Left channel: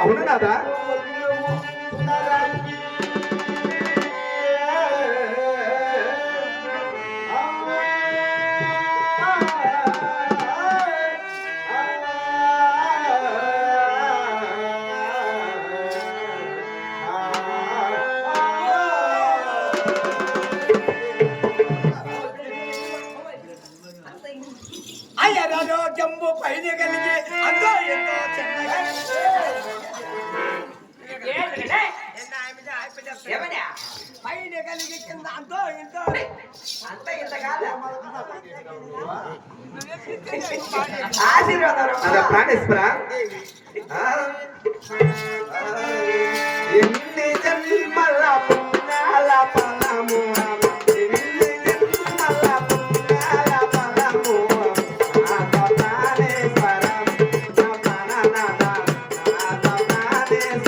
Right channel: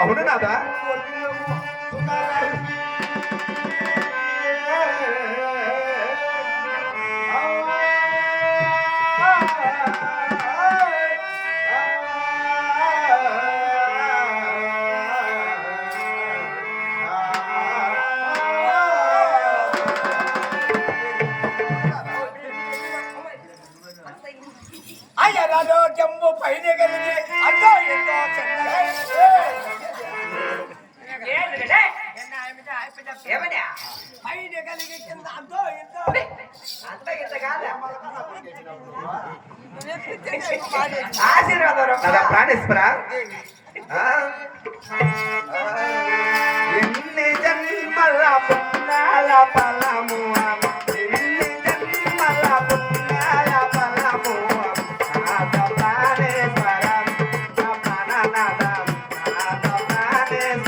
అవును నాదా అయ్యారోగ్యంబు పైన కలిగి అంతో ఎంతో చిన్నగా పైన కలిగి కింద అంతో ఎంతో అంత ఇంత కాదు ఆశీర్వాదం ప్రాణేశ్వర ఎన్ని జన్మల పుణ్యాల ఫలము ఎన్ని జన్మల పుణ్యాల ఫలము నాద ప్రాణేశ్వర నా ప్రాణనాద నాద ప్రాణేశ్వర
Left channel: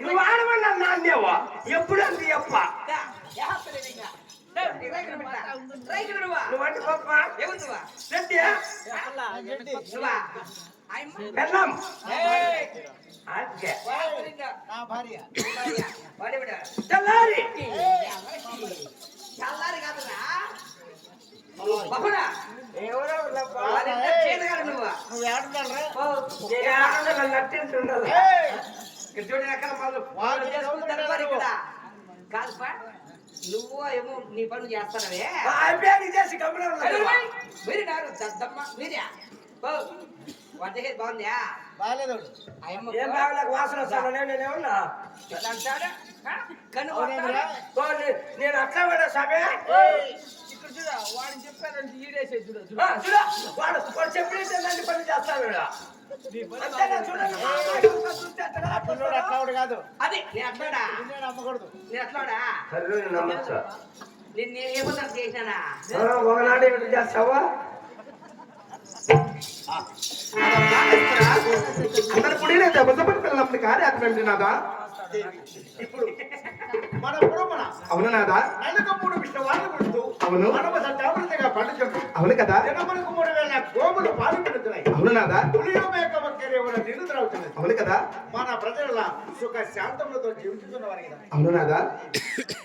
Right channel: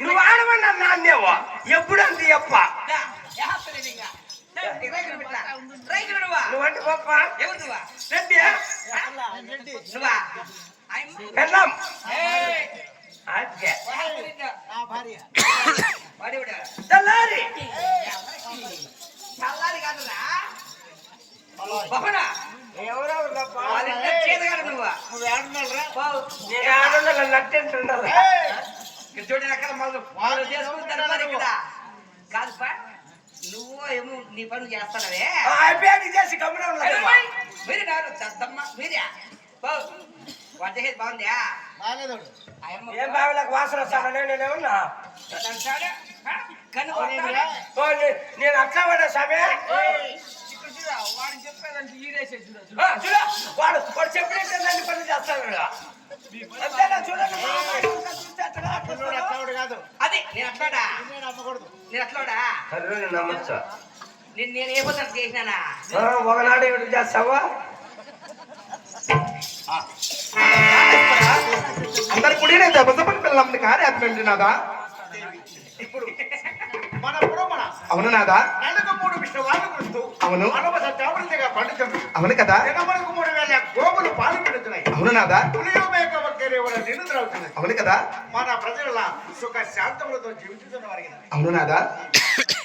నువ్వు ఆడమన్నా నాన్నేవా ఎప్పుడు అంది అప్ప నువ్వంటే గొప్ప పెళ్ళం చల్లారి చల్లారి కాదురా ఎవరో నువ్వు నట్టింటుండాలి చూడండి అక్కడ కాదు నువ్వు ఏమో నీ పనులు చేస్తాననే చేసి గమ్మున మీరు దద్దమ్మ మీరే వంట చేసి బాగుందా బాగాలేదు అయ్యమ్మ ఏం బావిలకు వాసన వస్తాను నేనేమన్నా అంటాడు. కన్ను అవునేమిరా? కొడతాడు. నేను అట్లా వాడా స్వామి ఇక్కడ చూడు, వాడిని చెప్పాలంటే ఈడేసే చూడు చూడు. చూడ వాడు వాడు చెప్పినట్టే దాన్ని పని చేస్తాడు అంతేనా చూడండి మా అమ్మాయి అంతా చూస్తే అట్లా పిల్లోడు అట్లావాడు కాదు అది నేను అట్లాడా పిల్లోడు అమ్మకూడదు నేను అట్లాడా అరే నమ్మచ్చా నేను ఏమో చేసినానా ఒకనాడు ఏమిటి చేస్తావా అందరు కుడినే దెబ్బపడి పిల్లల్ని కార్యాత్మండి నాదా ఇప్పుడు మన పురమణ అవును నాదా నెలకు 3 విష్ణువాళ్ళు కుడుతూ అవును మనవ సత్యామృతిగా పండుతుంది అవును కదా దినములకు 3000 గోవులు పాలు పెడుతున్నాయి అవును నాదా పులియో మేక వక్కలేవల నిన్ను త్రాగుతున్నాయి అవును కదా మన ప్రజల సుఖ శాంతములతో జీవిస్తున్న వారి కదా అవును నాదా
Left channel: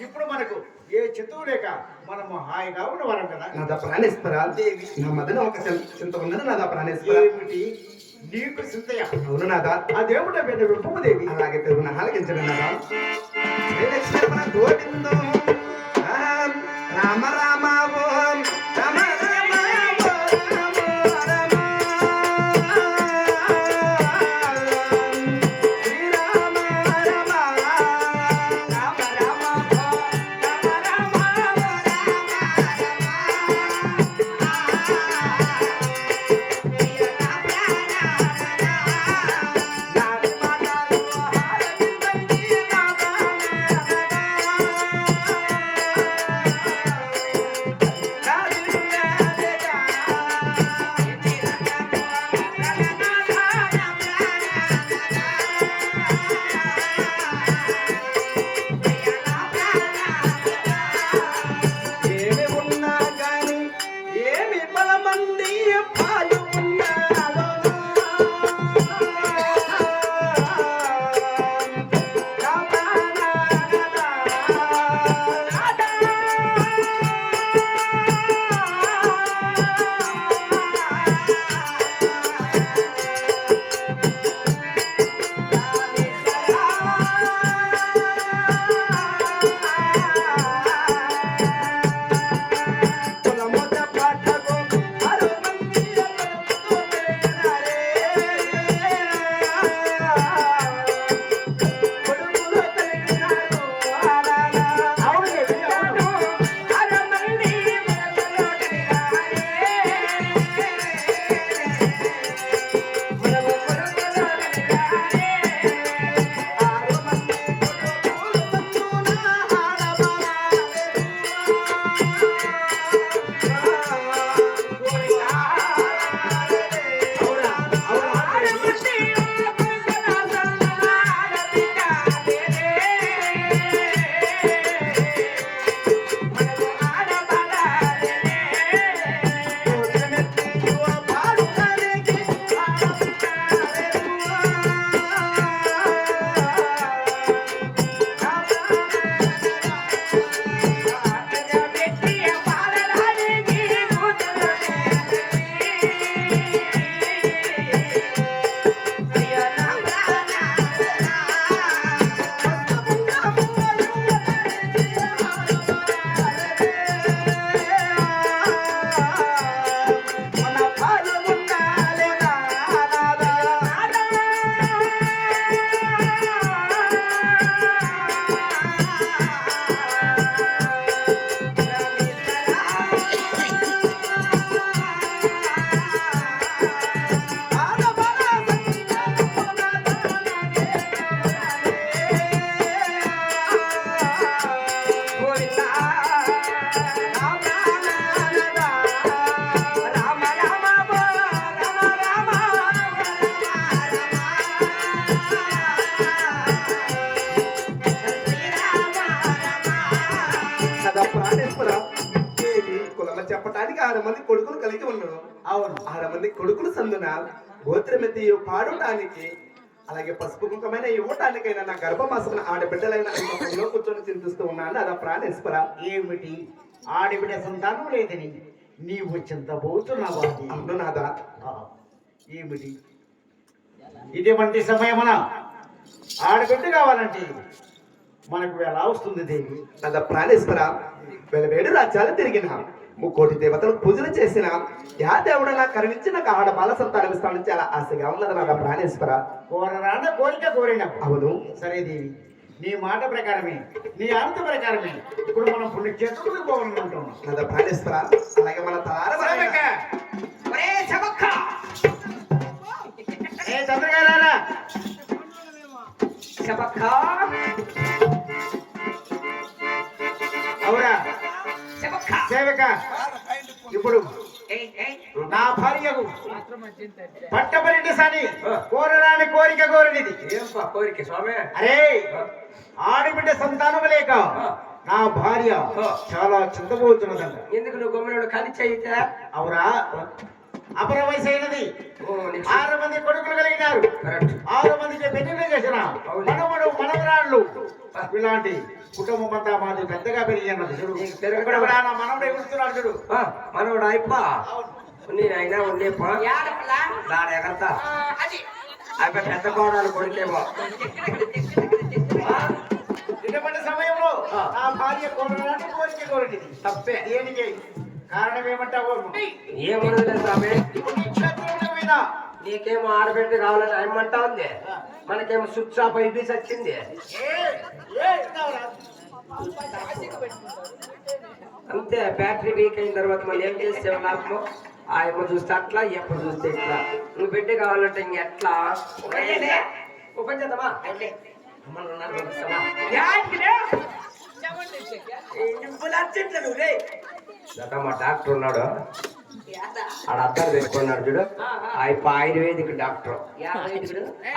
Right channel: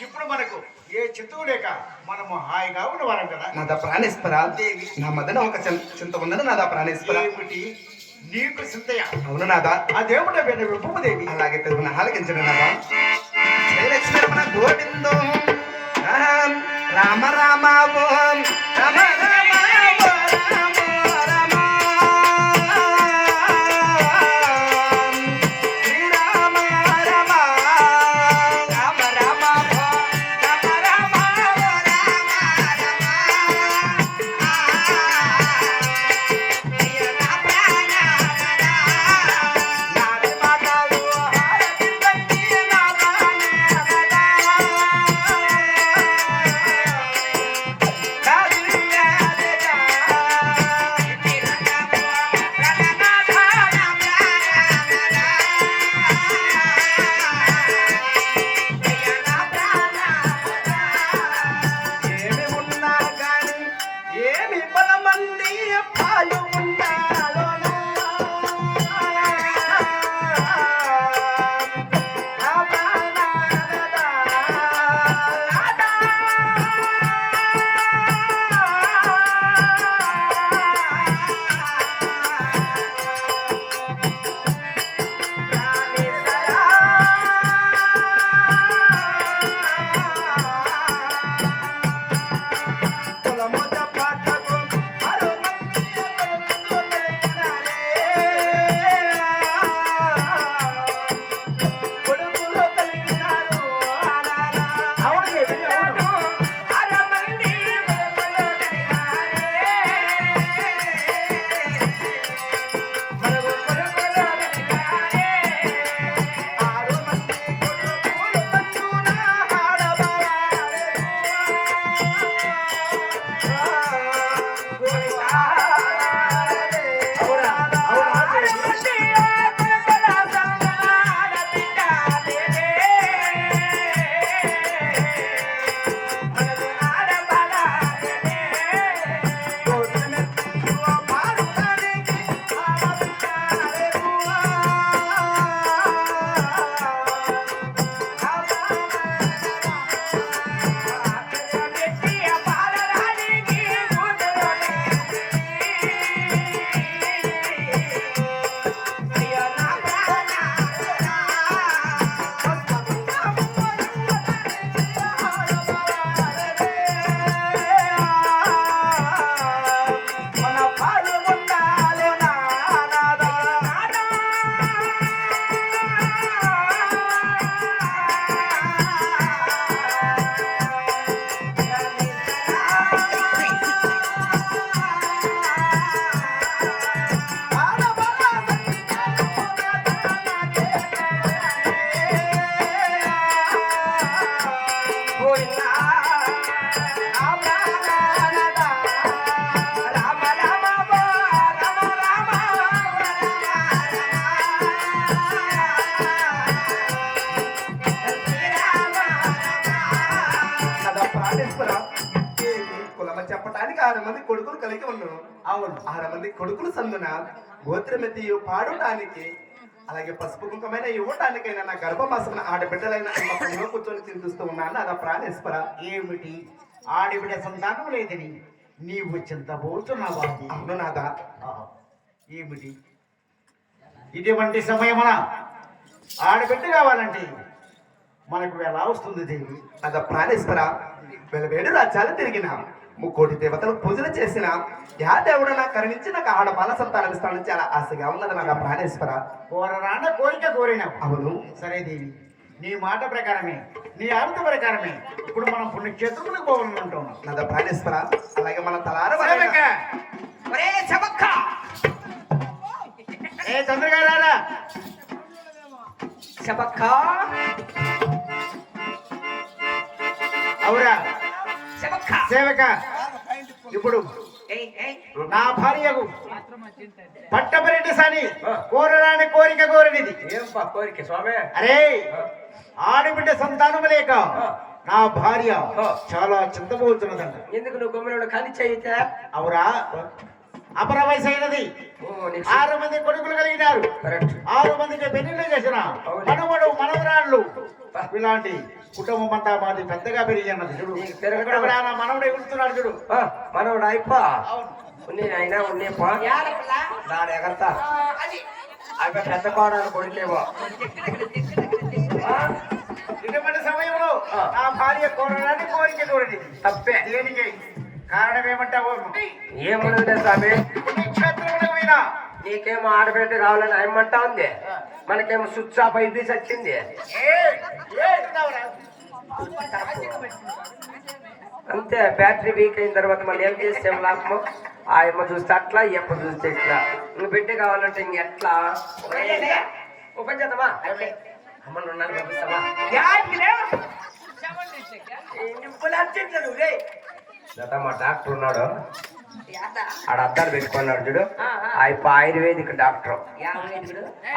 ఇప్పుడు మనకు ఏ చిత్తు లేక మనము హాయిగా ఉన్నవారం కదా నాదా ప్రాణేశ్వర నా మధ్యన ఒక చింత ఉన్నది నాదా ప్రాణేశ్వర ఏమిటి నీకు చింతయ అవును నాదా ఆ దేవుడ పేరు రూపముదేవి అలాగే తెలుగు ఆలకించండి నాదా శ్రీలక్ష్మణ గోవిందో రామ రామ ఓం రామ రామ ఏమి ఉన్నా గాని ఏమి బలమంది పాలు ఉన్నాలో చెప్పటానికి 6 మంది కొడుకులు కలిగి ఉన్నాను. అవును 6 మంది కొడుకులు సందున గోత్రమెత్తియు పాడటానికి అలాగే పసుపు కుంకమైన ఇవ్వటానికైనా నా గర్భమాసమున ఆడబిడ్డలైన అమ్మకంలో కూర్చొని చింతిస్తూ ఉన్నాను. అదా ప్రాణేశ్వర. ఏమిటి ఆడబిడ్డ సంతానం లేదని నీవు చింతపోతున్నావా? అవును నాదా. ఏమిటి ఇటువంటి సమయమున ఆడబిడ్డ కావాలంటే మనకు ఎలా వస్తుంది దేవి? నాదా ప్రాణేశ్వర. వెలవేడు రాజ్యాలు తిరిగిన ముక్కోటి దేవతలకు పూజలు చేసిన యా దేవుడు నాకు కరుణించి నాకు ఆడ బాల సంతానం ఇస్తానని చాలా ఆశగా ఉన్నది నా ప్రాణేశ్వర. కోరరాన కోరిక కోరినావు. అవును సరే దేవి, నీ మాట ప్రకారమే, నీ ఆనత ప్రకారమే ఇప్పుడు మనం పుణ్యక్షేత్రులకు పోవాలనుకుంటున్నాం. నా ప్రాణేశ్వర. అలాగే మన తలార సేవక, ఒరే సబక్క ఏ తొందరగా రారా. సబక్క అవురా సబక్క సేవక, ఇప్పుడు ఏయ్ ఏయ్ నా భార్యకు పట్టపరెడ్డి సాని కోరరాని కోరిక కోరనిది. ఏం కోరిక స్వామి? అరే, ఆడబిడ్డ సంతానం లేక నా భార్య చాలా చింతపోతున్నదంట. ఎందుకు నువ్వు గొమ్మలో కలిసి అయితే? అవురా, అపర వయసు అయినది. 6 మంది కొడుకులు కలిగినారు. 6 మందికి పెళ్లిళ్ళు చేసిన మనవడు మనవరాళ్ళు ఇలాంటి కుటుంబం అంతా మాది పెద్దగా పెరిగి అన్నది. చూడు, నా మనవడు ఎగురుతున్నాడు చూడు. మనవడు అయిపో నేను ఉండేపో దాని ఎగరతా అయిపోయి పెద్ద కోడాలు కొడితేవో ఇటువంటి సమయంలో నా భార్య కోరడానికి కోరిక కోరండి. తప్పే. దేనికి కారణం ఏమంటావు? ఏమనలే స్వామి, పుణ్యక్షేత్రములకు పోయినా నీకేమో ఆడబెట్టి కావాలని ఆయమంటా ఉంది, మనకేమో స్విచ్ ఆఫ్ అయిపోయి వచ్చింది. అంతే, బ్యాటరీ వీక్ అయిన తర్వాత మళ్ళీ ఏం చేస్తే లాభము? ఆ అమ్మ చూస్తే అట్లా, ఎప్పుడు చూస్తే ఇట్లా. నువ్వు బిడ్డ కావాలంటే ఇంకెట్లా ఓపెన్ చేద్దామా? అమ్మ నువ్వు పంపిస్తావా? మా డాక్టర్ ఉన్నాడు, ఆడ అద్దాలు పెట్టుకున్నాడు చూడు. Ayurvedic doctor,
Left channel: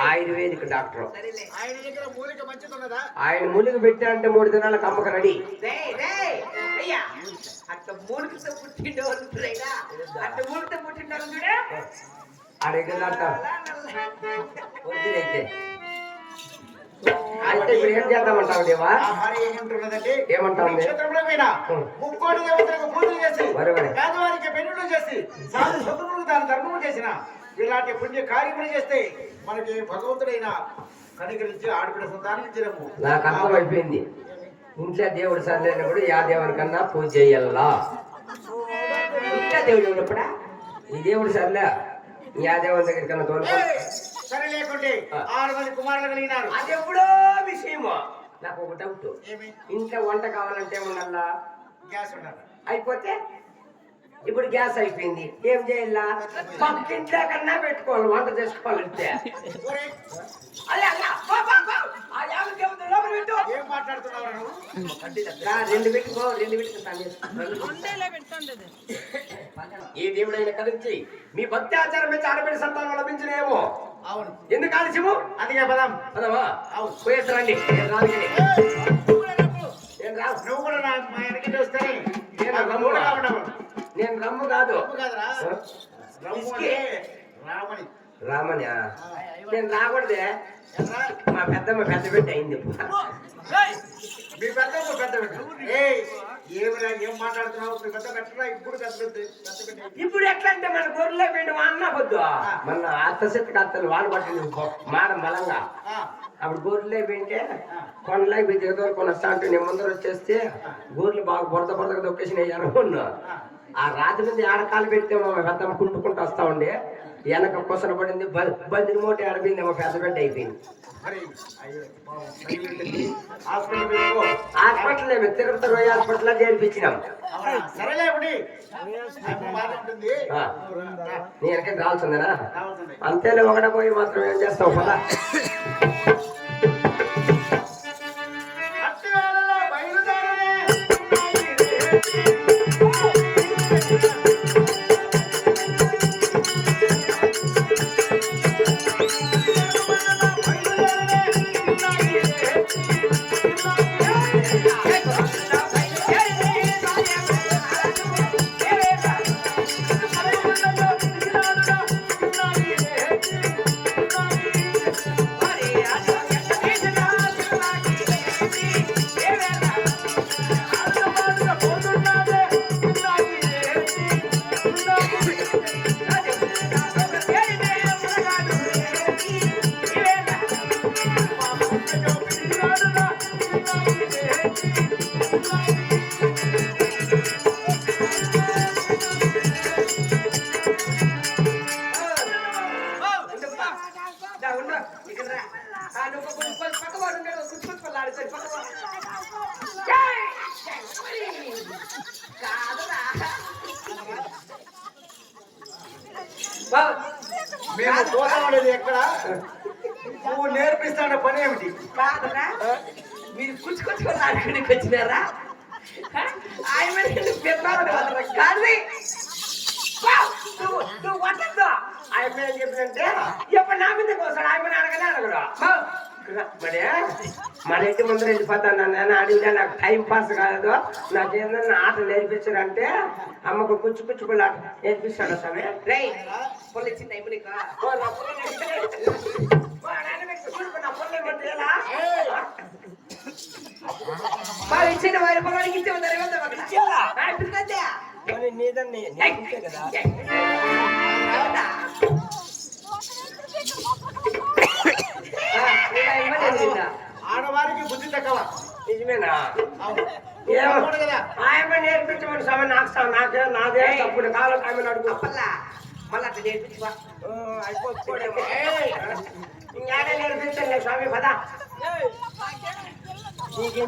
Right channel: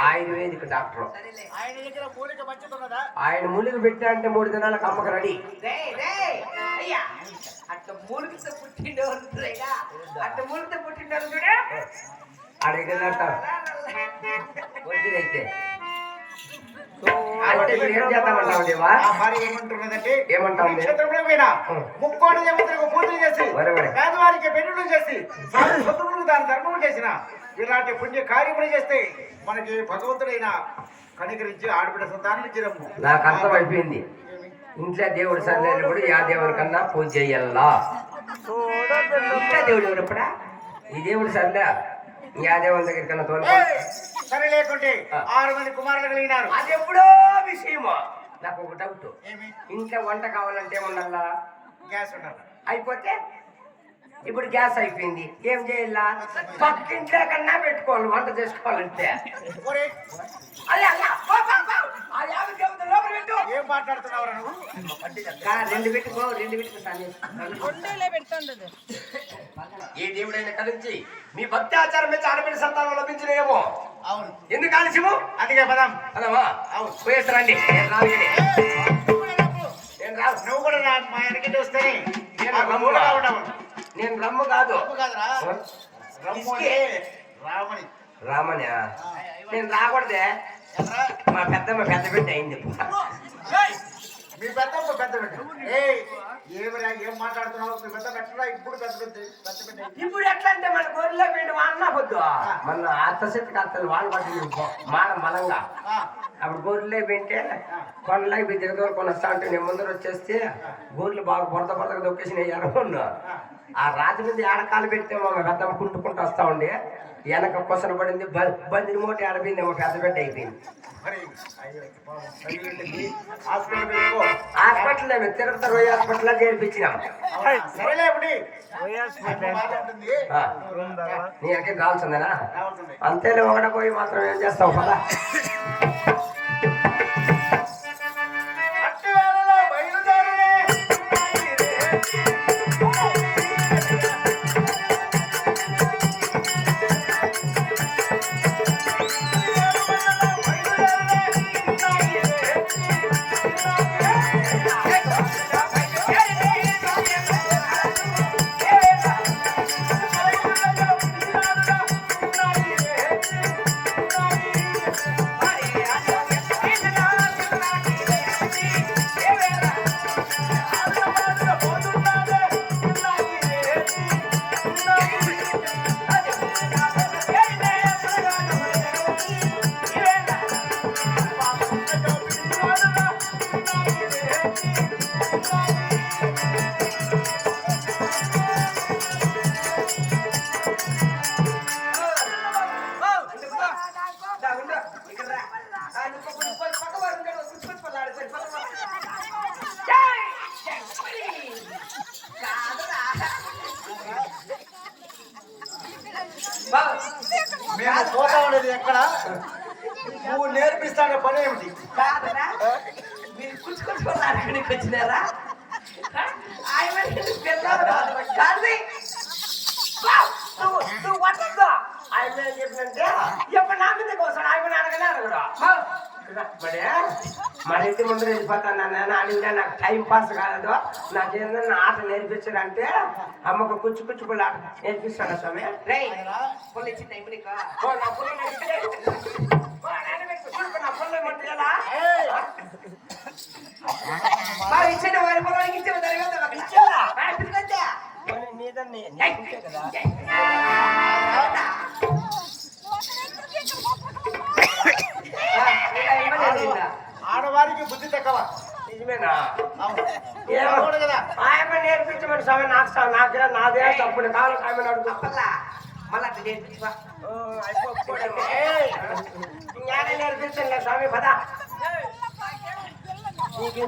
ayurvedic doctor. ఆయన దగ్గర మూలిక మంచిది ఉన్నదా? ఆయన మూలిక పెట్టా అంటే 3 దినాలకు అమ్మక రెడీ. అడిగితే అంటే ఏం చేద్దామంటావు దేవా? ఆ భార్య ఏమంటున్నదంటే, ఏమంటావు? పుణ్యక్షేత్రములకు పోయినా ముక్కోటి దేవతలకు పూజలు చేసి పేదవారికి పెళ్లిళ్ళు చేసి సాధు సంతులకు దాని ధర్మము చేసిన ఇలాంటి పుణ్య కార్యములు చేస్తే మనకి భగవంతుడైన కనికరించి ఆడబిడ్డ సంతానం ఇచ్చిరమ్ము. నాకు అర్థం అయిపోయింది. ఇంట్లో దేవుడు సరిలేనప్పుడు యా దేవుడి కన్నా పూజ చెయ్యాలా. ఇంకా దేవుడు ఎవరప్పుడా ఈ దేవుడు సరిలే యా దేవుడి దగ్గర కన్నా తోలు. సరే, లేకుంటే 6 మంది కుమారులు కలిగినారు. అది ఎప్పుడో విషయమో. నాకు ఒక డౌట్, ఇంట్లో వంట కావాలంటే ఉండాలా? గ్యాస్ ఉండాలి. అయిపోతే ఇప్పుడు గ్యాస్ అయిపోయింది, ఏం చేయాలా? పక్కింట్లో కన్నా పెట్టుకోవాలి వంట చేసుకోవాలంటే. ఒరే, అలా అలా బా, బా, బా. ఆ యాభై దేవుడు లోపల పెట్టు. ఏం మాట్లాడుతున్నావురా నువ్వు? 2 పెట్టుకో, 2 పెట్టుకో. ఏ దేవుడైనా కలిసి మీ భక్తి ఆచారం మీద ఆడబిడ్డ సంతానం లభించినేమో. అవును, ఎందుకు ఆలస్యము? అందుకే పదం. అదమ్మా అవును, పోయేస్తారండి. నువ్వు కూడా మా వెనకిటి వస్తానే నేను రమ్ము కాదు. కాదురా, రమ్ము అంటే రామని. రామని నేను రాకూడదే. మా పెద్ద బిడ్డ అయింది. మీ పెద్ద బిడ్డ. ఏమిరా, ఏం మాట్లాడుతున్నావు? మీ పెద్ద పెట్టరా? ఇప్పుడు పెద్ద బిడ్డ. ఇప్పుడు ఎట్లా అంటే మన గొర్రెలో పిండి మా అన్న పొద్దు మన అత్త చెట్టుకు అత్తలు వాడు పట్టి మాడం బలంగా. అప్పుడు గొర్రెలే పెంటే కొండలాగి మీ దిగదోలు కొనొస్తా అంటే నేను ముందర వచ్చేస్తే గొర్రెలు బాగా బొరదగా దొక్కేసి ఎరగొన్నా. ఆ రాత్రి నుంచి ఏడకాలు పెడితే మా పెద్దమ్మ కుంటుకుంటూ వస్తా ఉండే, వెనక కొసన పడింది, బందిని మూట ఆడిపోయింది, మా పెద్ద బిడ్డ అయిపోయింది. Hospital Tirupati రోయి hospital చేర్పించినాం. సరేలే, నీ వెనక రావాల్సిందేనా? అంతేలే, ఒకట పోయి మాత్రం ఏం చేస్తావు కదా. ఉండు ఇక్కడ రా నువ్వు కొంచెం పక్క వాడు ఉంటాడు కూర్చోలాడు సరి పక్క కాదురా మేము పోతా ఉండేది ఎక్కడ నువ్వు నేర్పిస్తాను పని ఏమిటి కాదురా మీరు కూర్చుకొని ఆడుకోనికి వచ్చినారా ఆయన కాదు నువ్వు వద్దు ఆయన ఏం చెప్పినంటే ఎప్పుడు నా మీదకి వస్తాడు ఆయన అడగనే అడగడు మరి ఇంటి ముందర వెళ్ళిపోతాను నేను అడిగినా నాకు టైం పాస్ కాలేదు నాకేందన్నా ఆట నేర్పించాడంటే అమ్మకు కుచ్చు కుచ్చు పుల్ల ఆట నేర్పిస్తాడు స్వామి రే పొల్లు ఇచ్చింది అయిపోయి నా పుల్ల ఏమంటే ఎలా ఇచ్చిన వైర పొలానికి ఇచ్చే నీదన్నీ కదా ఆడవారికి బుద్ధి తక్కువ నిజమేనా అవును కదా ఆయమ్మ నేర్పించమని స్వామి నాకే నాదే తప్పుడు కాలం ఆమెను అడుగు అప్పల్లా మళ్ళీ అట్లా నేర్పించుకో అయిపోతుందేమో ఇంకానే నేర్పించండి స్వామి పద నీకు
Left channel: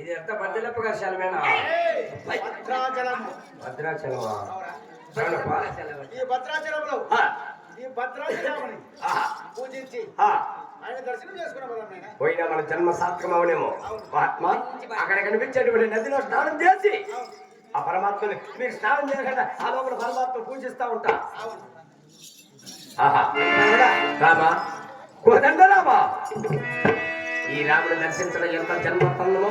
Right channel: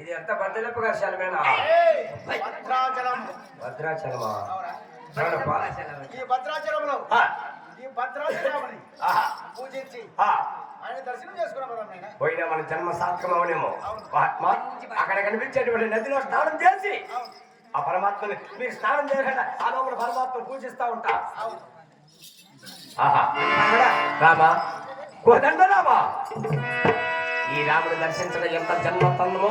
ఇది ఎంత బద్దెలప్ప కర్షాలమేనా భద్రాచలమా ఈ భద్రాచలంలో ఈ భద్రాచలమని పూజించి ఆయన దర్శనం చేసుకున్నాం కదా ఆయన పోయినా మన జన్మ సార్థకమవునేమో మహాత్మా అక్కడ కనిపించేటువంటి నదిలో స్నానం చేసి ఆ పరమాత్మని మీరు స్నానం చేయకుండా ఆ లోపల పరమాత్మ పూజిస్తా ఉంటా ఆహా రామా కోదండ రామా ఈ రాముని దర్శించడం ఎంత జన్మ తన్నమో